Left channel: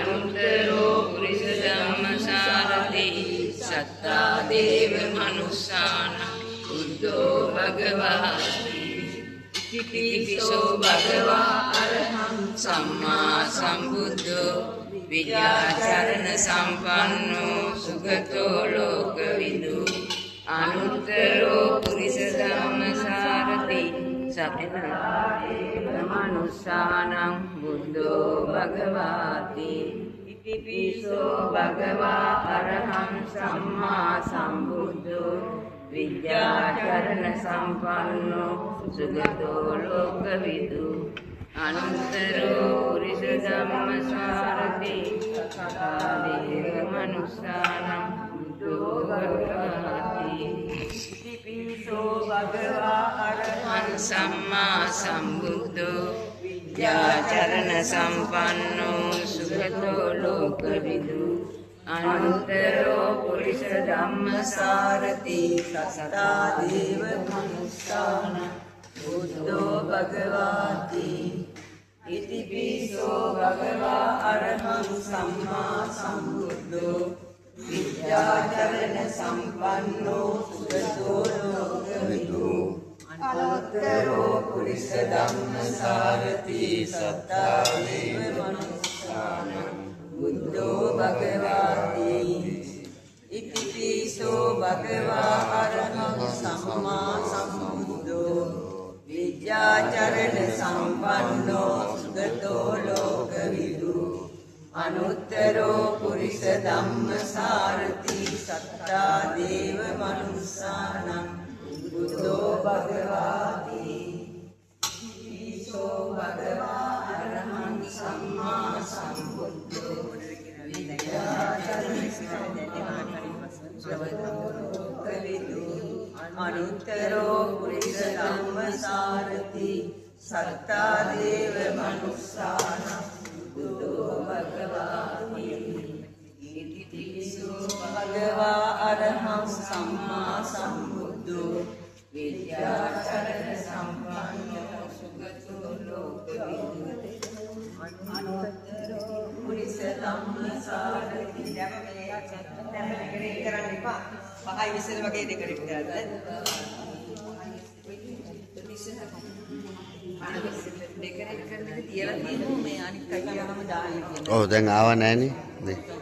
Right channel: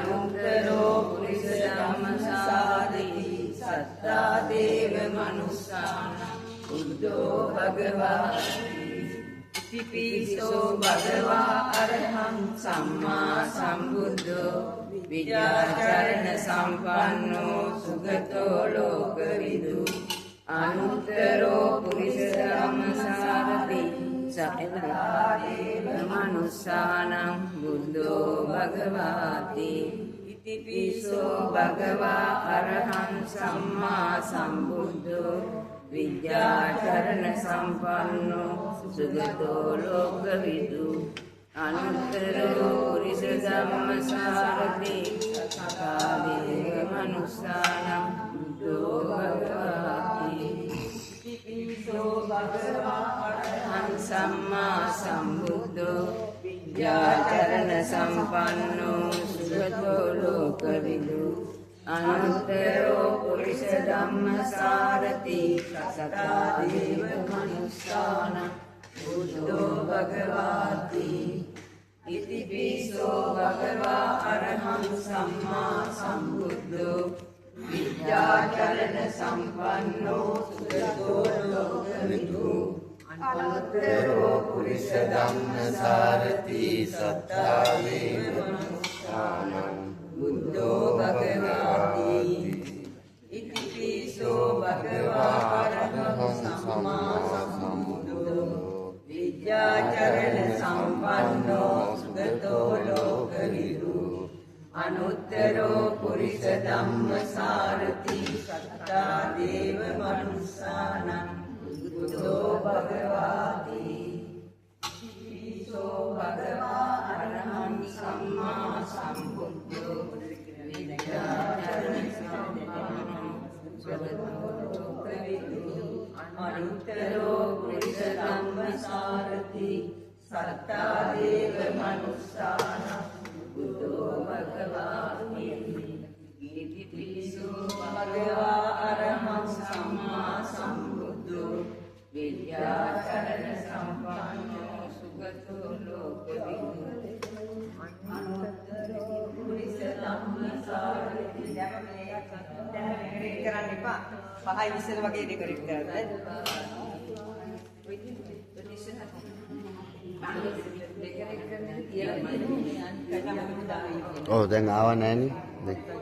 අනුත්තරෝ පුරිස ධම්මසාරති සත්තා දේව මනුස්සාන බුද්ධෝ භගවාති ඉතිපිසෝ භගවා අරහං සම්මා සම්බුද්ධෝ විද්‍යාචරණ සම්පන්නෝ සුගතෝ ලෝකවිදු අනුත්තරෝ පුරිස ධම්මසාරති සත්තා දේව මනුස්සානං බුද්ධෝ භගවාති ඉතිපිසෝ භගවා අරහං සම්මා සම්බුද්ධෝ විද්‍යාචරණ සම්පන්නෝ සුගතෝ ලෝකවිදු අනුත්තරෝ පුරිස ධම්මසාරති සත්තා දේව මනුස්සානං බුද්ධෝ භගවාති ඉතිපිසෝ භගවා අරහං සම්මා සම්බුද්ධෝ විද්‍යාචරණ සම්පන්නෝ සුගතෝ ලෝකවිදු අනුත්තරෝ පුරිස ධම්මසාරති සත්තා දේව මනුස්සානං බුද්ධෝ භගවාති ඉතිපිසෝ භගවා අරහං සම්මා සම්බුද්ධෝ විද්‍යාචරණ සම්පන්නෝ සුගතෝ ලෝකවිදු අනුත්තරෝ පුරිස ධම්මසාරති සත්තා දේව මනුස්සානං බුද්ධෝ භගවාති ඉතිපිසෝ භගවා අරහං සම්මා සම්බුද්ධෝ විද්‍යාචරණ සම්පන්නෝ සුගතෝ ලෝකවිදු අනුත්තරෝ පුරිස ධම්මසාරති සත්තා දේව මනුස්සානං බුද්ධෝ භගවාති ඉතිපිසෝ භගවා අරහං සම්මා සම්බුද්ධෝ විද්‍යාචරණ සම්පන්නෝ සුගතෝ ලෝකවිදු අනුත්තරෝ පුරිස ධම්මසාරති සත්තා දේව මනුස්සානං බුද්ධෝ භගවාති ඉතිපිසෝ භගවා අරහං සම්මා සම්බුද්ධෝ විද්‍යාචරණ සම්පන්නෝ සුගතෝ ලෝකවිදු අනුත්තරෝ පුරිස ධම්මසාරති කරන්න එපා. පහයි විසර වගේ දෙකකට කරන්න. ඔව් දැන් ආව නැහනේ.